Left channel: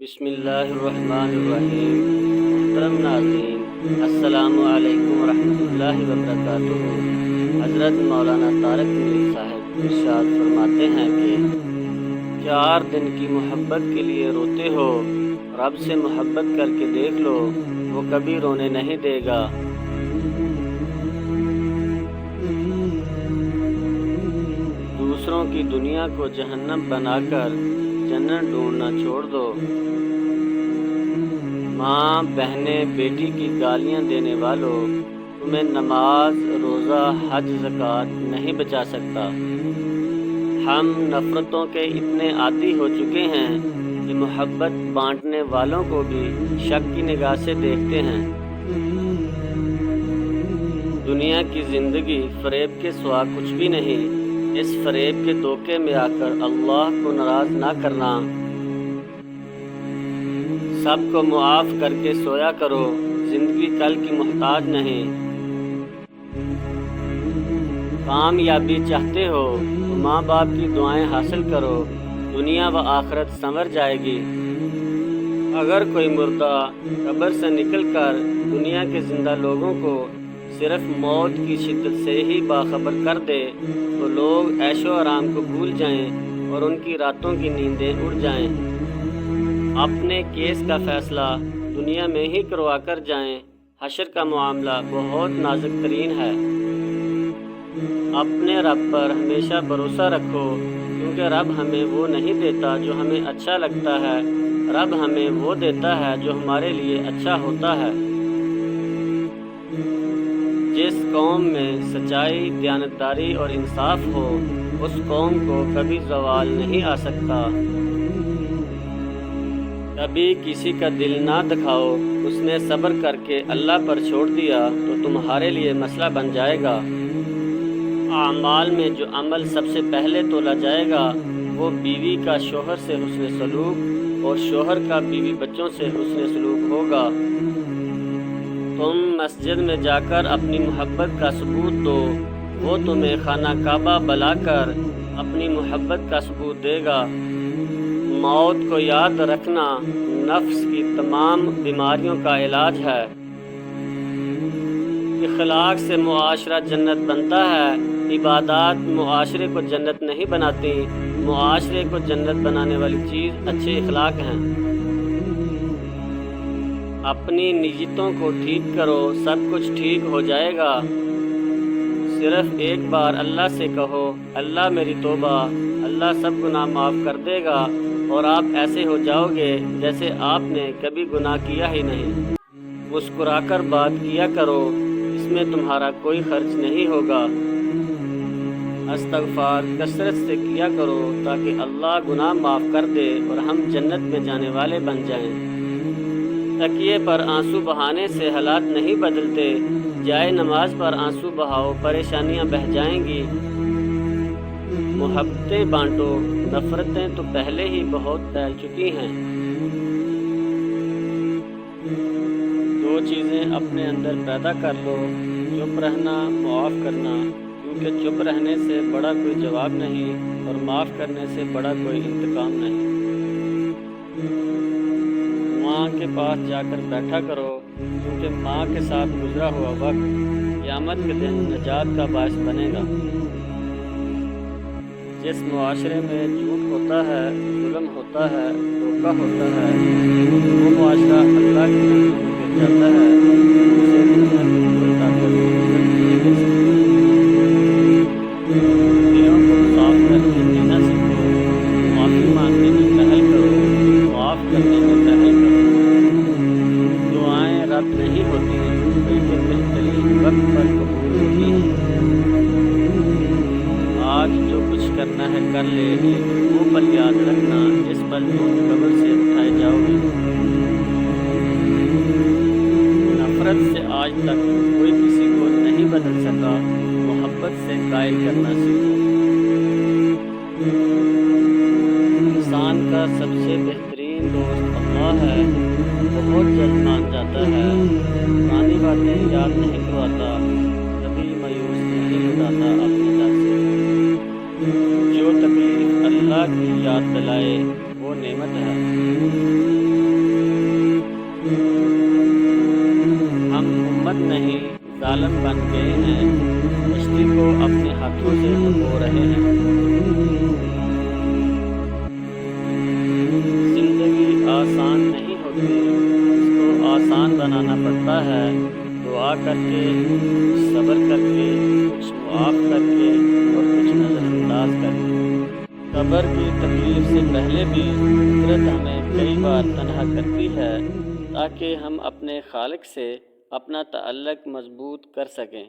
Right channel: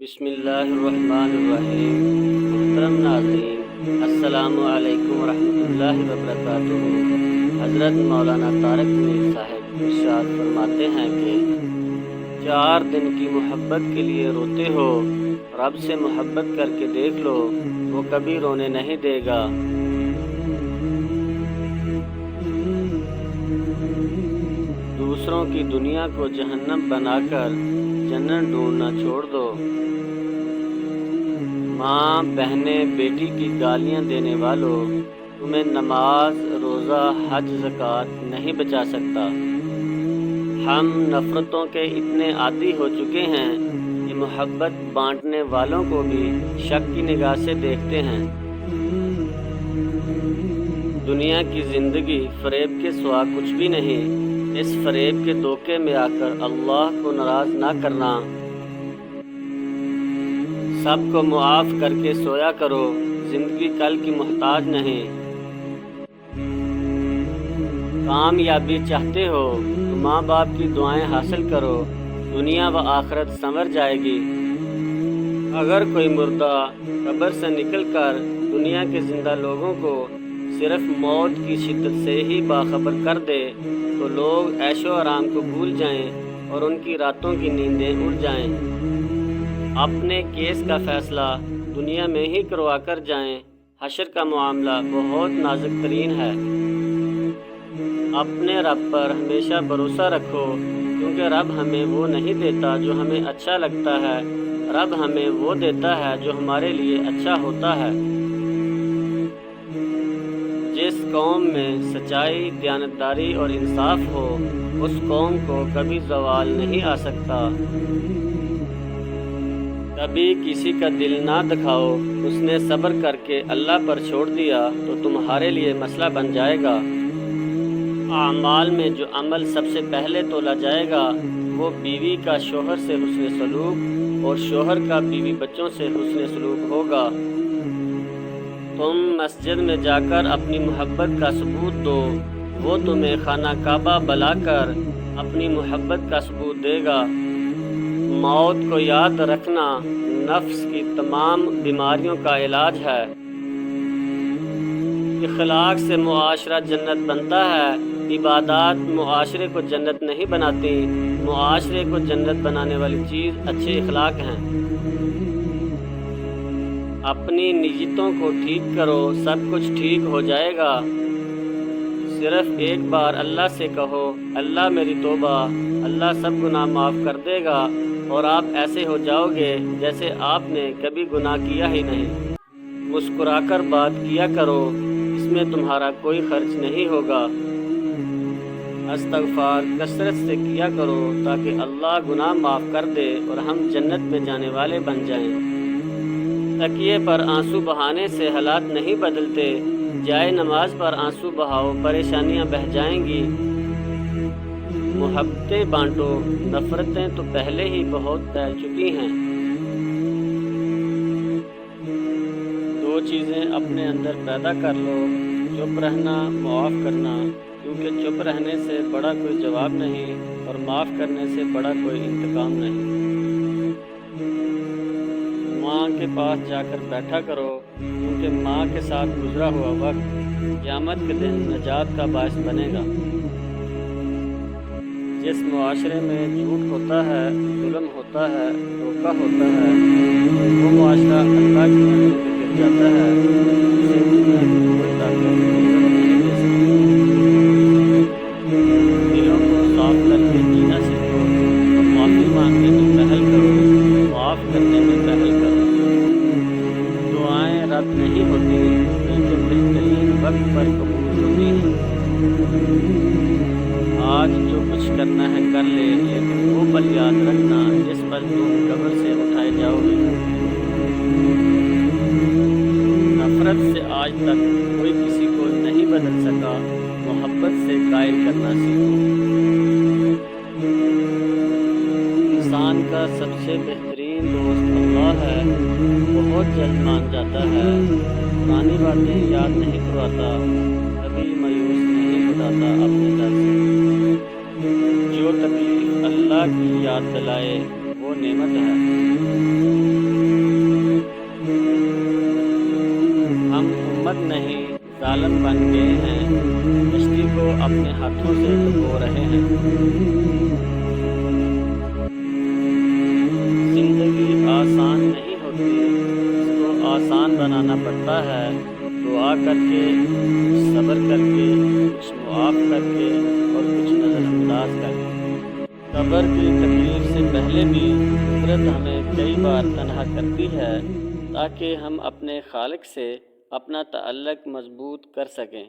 بسم اللہ الرحمن الرحیم۔ محترم ناظرین، السلام علیکم ورحمۃ اللہ وبرکاتہ۔ حضرت مولانا طارق میر صاحب ارشاد فرماتے ہیں کہ 4 دن کی محبت کے لیے روتے ہو، رب سے محبت کر کے دیکھ لو، وہ کبھی رونے نہیں دے گا۔ دوسروں کی دنیا کو جہنم بنا کر جنت ڈھونڈنا چھوڑ دو۔ ماں، بہنیں، بیٹی کی گالیاں دینے والوں، تمہیں نماز، روزہ، حج، زکوٰۃ نہیں بچا سکتا۔ ہم نفرتوں کے اتنے عادی ہو چکے ہیں کہ محبت بانٹنے والوں کو بھی شک کی نگاہ سے دیکھتے ہیں۔ دنیا کی زندگی فریب کے سوا کچھ بھی نہیں۔ اس فریب کے دھوکے میں آ کر اللہ کو ناراض نہ کرنا۔ سب کو معاف کر کے سویا کرو، زندگی کل کی محتاج نہیں۔ کامیابی چاہتے ہو تو ماں باپ کی دعائیں حاصل کرو، دنیا و آخرت سنور جائے گی۔ اگر کوئی مردہ قبر سے نکل کر دنیا کے زندہ لوگوں کو صرف موت کی شدت سے ہی باخبر کر دے تو لوگ عیش و آرام کو بھول جائیں اور ان کی راتوں کی نیندیں اڑ جائیں۔ اپنے کیس کا فیصلہ دنیا میں ہی کروا کر جائیں۔ حشر کا معاملہ بہت نازک ترین ہے۔ اپنے رب پر ہمیشہ بھروسہ رکھو، کیونکہ رب ہمیں وہ نہیں دیتا جو ہمیں اچھا لگتا ہے، رب ہمیں وہ دیتا ہے جو ہمارے لیے اچھا ہوتا ہے۔ جس قوم میں سچائی، دیانتداری اور انصاف ہو، اس قوم کو کبھی زوال نہیں آ سکتا۔ کبھی کسی کا دل نہ دکھاؤ، اس نے صبر کر کے اللہ پر چھوڑ دیا تو تمہارے لیے مسئلہ بن جائے گا۔ اعمال میں جو عمل سب سے پہلے تولا جائے گا وہ بیوی کا شوہر سے حسن سلوک اور شوہر کا بیوی بچوں سے حسن سلوک ہوگا۔ تم مسجد میں جا کر اپنی محبت کا ثبوت دو، وہ تمہیں خانہ کعبہ بلا کر اپنی محبت کا ثبوت دے گا۔ موت کو یاد رکھنا نفس کی تمام بیماریوں کا علاج ہے۔ اخلاق سے معاشرہ جنت بنتا ہے، عبادات معاشرے کو جنت نہیں بناتی۔ معاشرے کو جنت بنانے والی چیز اچھے اخلاق ہیں۔ اپنی نیتوں کو ٹھیک کرو، سب کچھ ٹھیک ہو جائے گا۔ صرف ایک بار اللہ سے کہو، اللہ میری توبہ، اللہ سب گناہ معاف کر دے گا، اور آپ ایسے ہو جاؤ گے جیسے آپ نے کبھی گناہ کیا ہی نہیں۔ مسکرا کر بات کیا کرو، اس میں تمہارا کوئی خرچ نہیں ہوگا۔ استغفار کثرت سے کیا کرو تاکہ اللہ گناہ معاف کر دے اور ہم جنت میں جانے والے بن جائیں۔ تکیے پر آنسو بہانے سے حالات نہیں بدلتے، جائے نماز پر آنسو بہاؤ، پریشانیاں بہہ جائیں گی۔ محبتیں بانٹو، نفرتیں تو پہلے ہی بہت پھیل چکی ہیں۔ 2 چیزیں اپنے اندر پیدا کر لو، چپ رہنا، معاف کرنا، کیونکہ چپ رہنے سے بڑا کوئی جواب نہیں اور معاف کرنے سے بڑا کوئی انتقام نہیں۔ ماں کے پاس جا کر بیٹھا کرو، کیونکہ ماں کے ساتھ گزرا ہوا وقت قیامت کے دن نجات کا باعث بنے گا۔ جس معاشرے میں جھوٹ ہوتا ہے، ظلم ہوتا ہے، دھوکہ ہوتا ہے، وہ معاشرہ اللہ کی نظروں میں گر جاتا ہے۔ اسے دنیا کی کوئی طاقت عزت نہیں دے سکتی۔ دلوں کو صاف کر کے جینا سیکھو، معافی مانگنے میں پہل کرو، معاف کرنے میں پہل کرو۔ دعائیں رد نہیں ہوتی، بلکہ بہترین وقت پر قبول ہوتی ہیں۔ آج جو کچھ کرنا ہے کر لے، لیکن وہ پل یاد رکھنا جس پل تم قبر سے اٹھائے جاؤ گے۔ نفرت سے آج تک کوئی کسی کو نہیں بدل سکا، محبت سے قائل کرنا سیکھو۔ انسان کا سب سے بہترین دوست اللہ ہے، بہت جلد مان جاتا ہے، پرانی باتیں یاد نہیں کرواتا، کبھی مایوس نہیں لوٹاتا اپنے در سے۔ جو تکلیف اللہ کی یاد دلائے وہ نعمت ہے۔ ہم امت نہیں ظالم بن گئے ہیں، کشتی کو اپنے ہاتھوں سے ڈبو رہے ہیں۔ زندگی آسان نہیں ہوتی، اس کو آسان بنانا پڑتا ہے، دعا کر کے، کچھ صبر کر کے، کچھ معاف کر کے اور کچھ نظر انداز کر کے۔ صبر کی تکلیف سے پہلے بھی قدرت ہمیں کئی بار تنہا کرتی ہے تاکہ ہم اپنے خالق سے اپنا تعلق مضبوط کر سکیں۔